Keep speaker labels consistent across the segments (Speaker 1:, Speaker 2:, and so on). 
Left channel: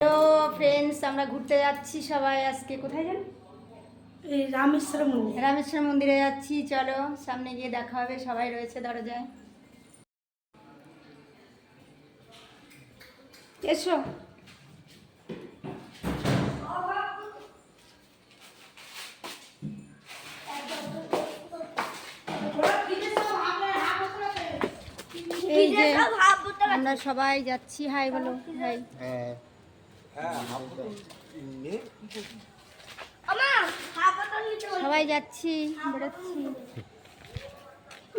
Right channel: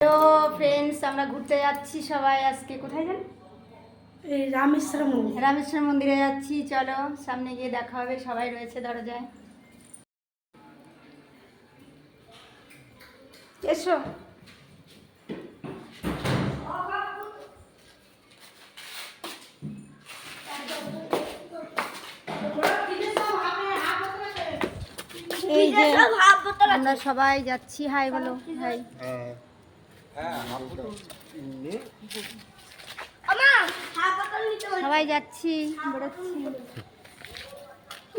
Speaker 1: Hello friends আমরা ঘুরতে যাচ্ছি সবাই আজকে। কোথায় যান?
Speaker 2: এই রামেশ্বর মন্দির।
Speaker 1: রামেশ্বর মন্দিরে যাচ্ছি চলো সামনে গিয়ে দেখা হবে সবাই রয়েছে দরজায়। এসো। এই যে আমরা সবাই যাচ্ছি। হাই বলো হাই সবাই যাচ্ছি বেরোচ্ছি।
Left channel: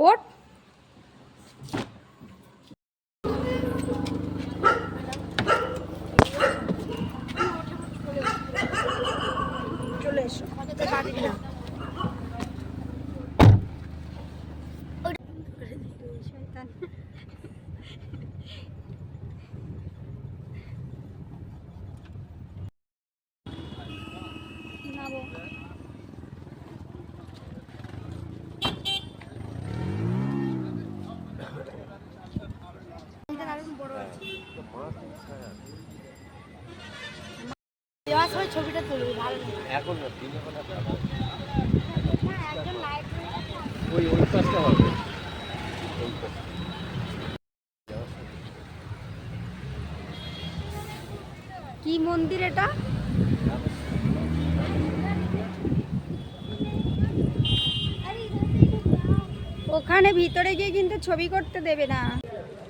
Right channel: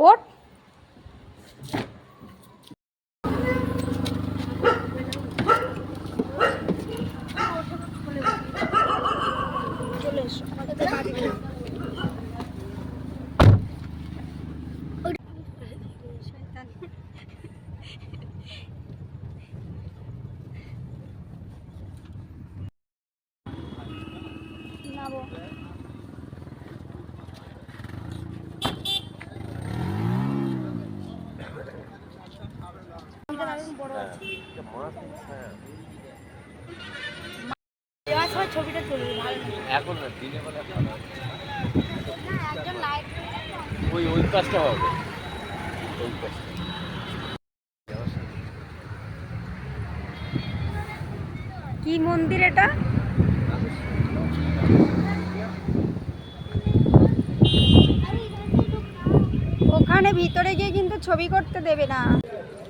Speaker 1: ওট চলে এসো আমাদের বাড়ি না নামো দেওয়ার সময় ছবিটা তুলবি ভালো
Speaker 3: এখন না দিনে বেলা
Speaker 1: একজন লাইট
Speaker 3: ওই ওই কাজটা হবে। ওই কাজটা।
Speaker 1: কি মন্দির এটা? ওখানে ভিতরে গিয়ে কিন্তু ছবি করতে দেবে না।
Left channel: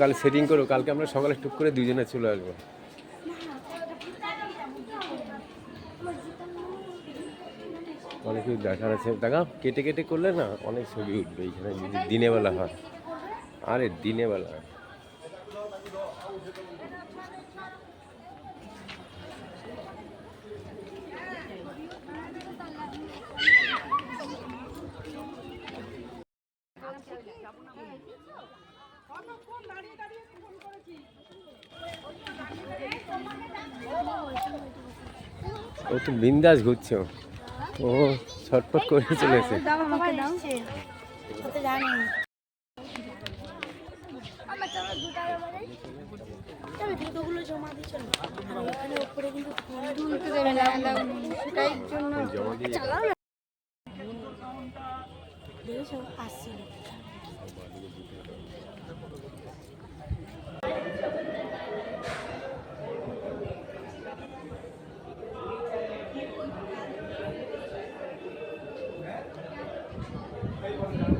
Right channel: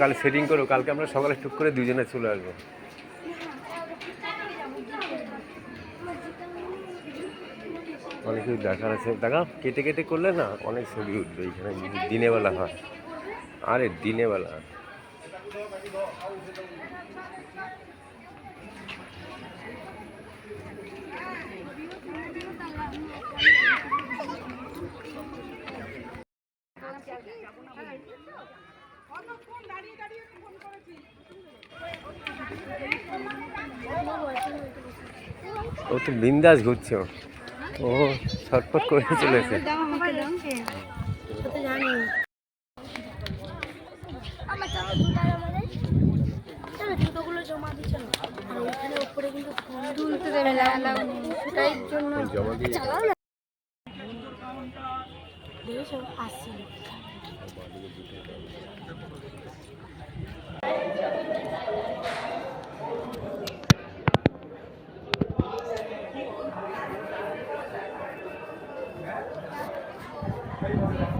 Speaker 3: কাল সেটিং করো, কালকে আমরা সকালে টুক করে দুজনে চলে আসব। অনেক কিছু দেখার আছে। দেখা, কেটে কেটে করলে না অনেক ছবি উঠবে এইখানে যদি দিনে বেলা হয়। আরে দিনে বেলা ও তো বিন্দাস ঘুরছে ও। ছটফট করে চলেছে
Speaker 2: জমা
Speaker 1: Yeah.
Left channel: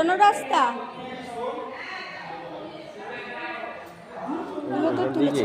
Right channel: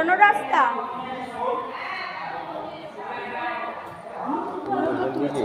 Speaker 1: পুরনো
Speaker 3: রাস্তা
Speaker 1: তো তুলেছে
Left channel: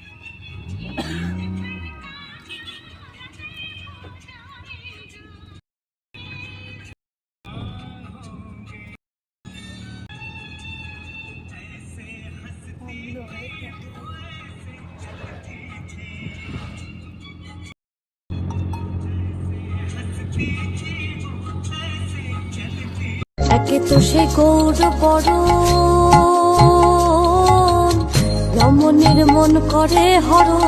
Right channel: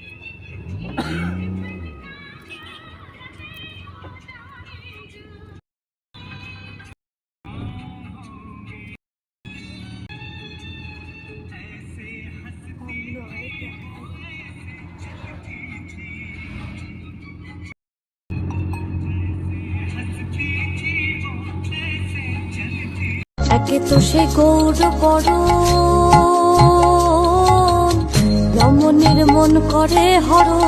Speaker 1: একে
Speaker 2: তো সে গৌর বড় রমণীর মন করে হরণ।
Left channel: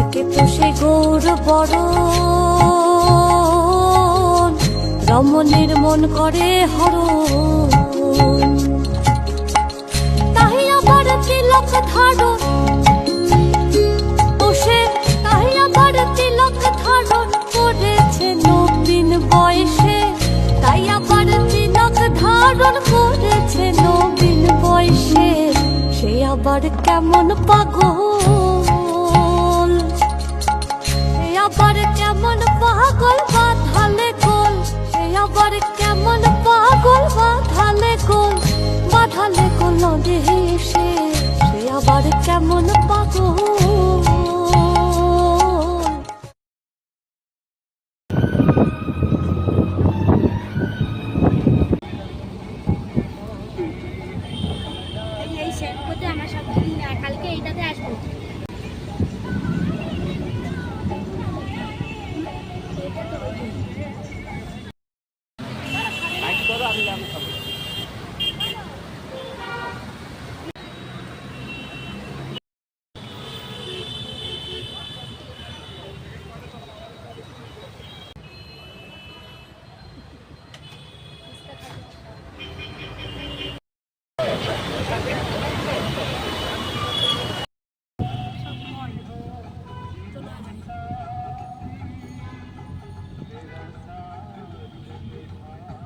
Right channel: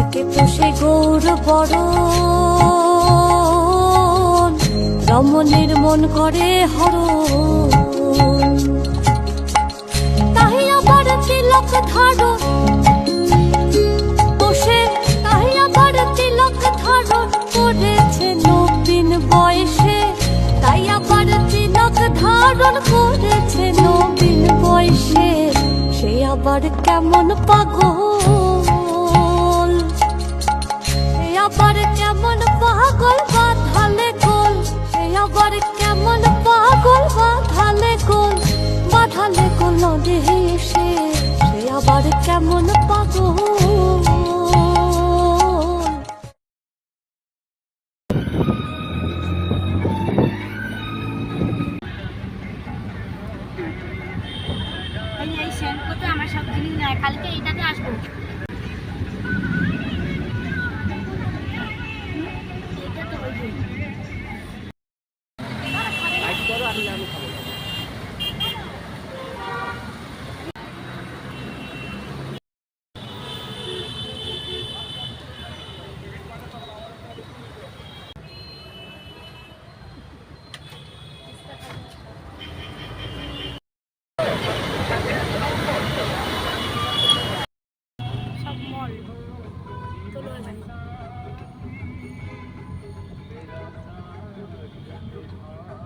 Speaker 2: একে তো সে গৌর বড় রমণীর মন করে হরণ। তাই আবার তিলক ধারণ। বসে তাই আবার তিলক ধারণ করেছে নবীন বয়সে করেছে নবীন বয়সে, সে আবার কেমন পাগল? সে আবার কেমন পাগল বাঁধালে গোল? সে আবার কেমন পাগল বাঁধালে গোল? বাঁধালে গোল নদী সে সে আবার কেমন পাগল?
Speaker 1: কালকে এইটাতে আসব।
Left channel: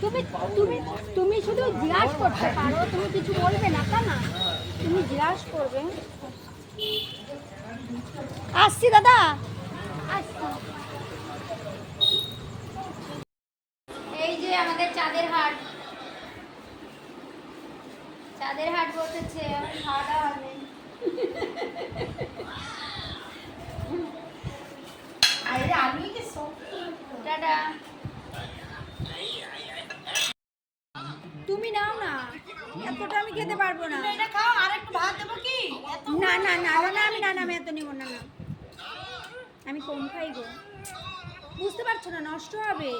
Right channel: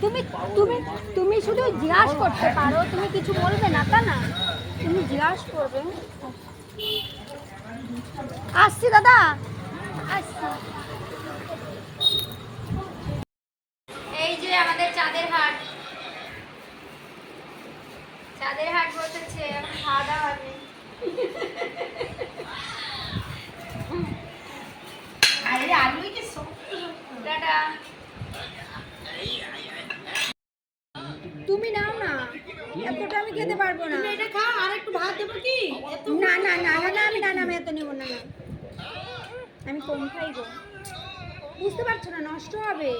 Speaker 1: তুমি তুমি তুমি শুধু জিজ্ঞাসা করতে পারো, তুমি কিছু বলবে না, তা না? তুমি জিজ্ঞাসা করবে। আসছি, দাদা। আসছি। এই যে আমাদের চাঁদের হাট। চাঁদের হাট বসেছে, খাওয়া দাওয়া হবে। তুমি নাও না। এতটা আমি খেতে পারব না। এটা খাও আর একটু ভাত দেবো কি? না না না আমাকে আমি না না আমি এত নেব না। আমি কম খাই গো। বুঝতে পারছ না নষ্ট হবে।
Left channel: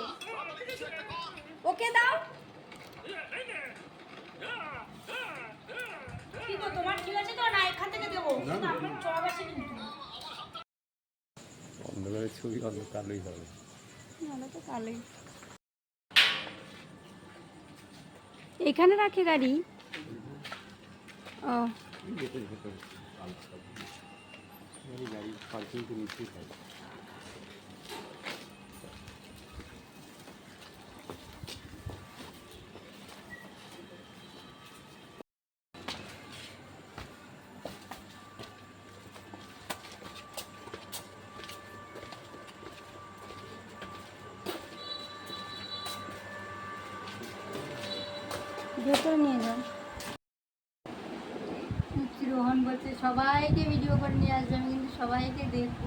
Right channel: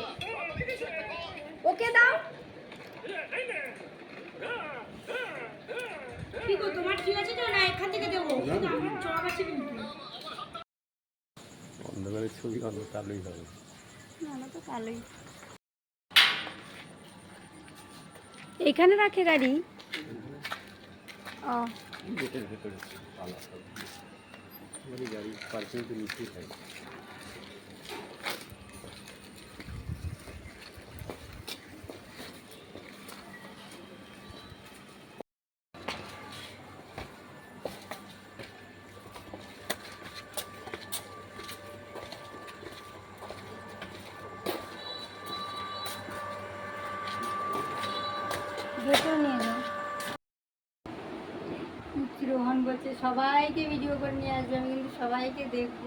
Speaker 1: ওকে দাও। কি তোমার ঠিক আছে তো? না এখান থেকে দেবো। আমার চড়া বেশি কিন্তু
Speaker 3: ছবি ছবি কালোই হবে।
Speaker 1: না তো কালোই। এখানে রাখে গাড়ি? ও।
Speaker 3: গেটের ভেতরে। গাড়ি পার্কিং তো নিশ্চয়ই থাকে।
Speaker 4: রোহন বলছে সবাইকে ভিডিও করে নিয়ে আসবে আমি কিন্তু সবাইকে দেখব।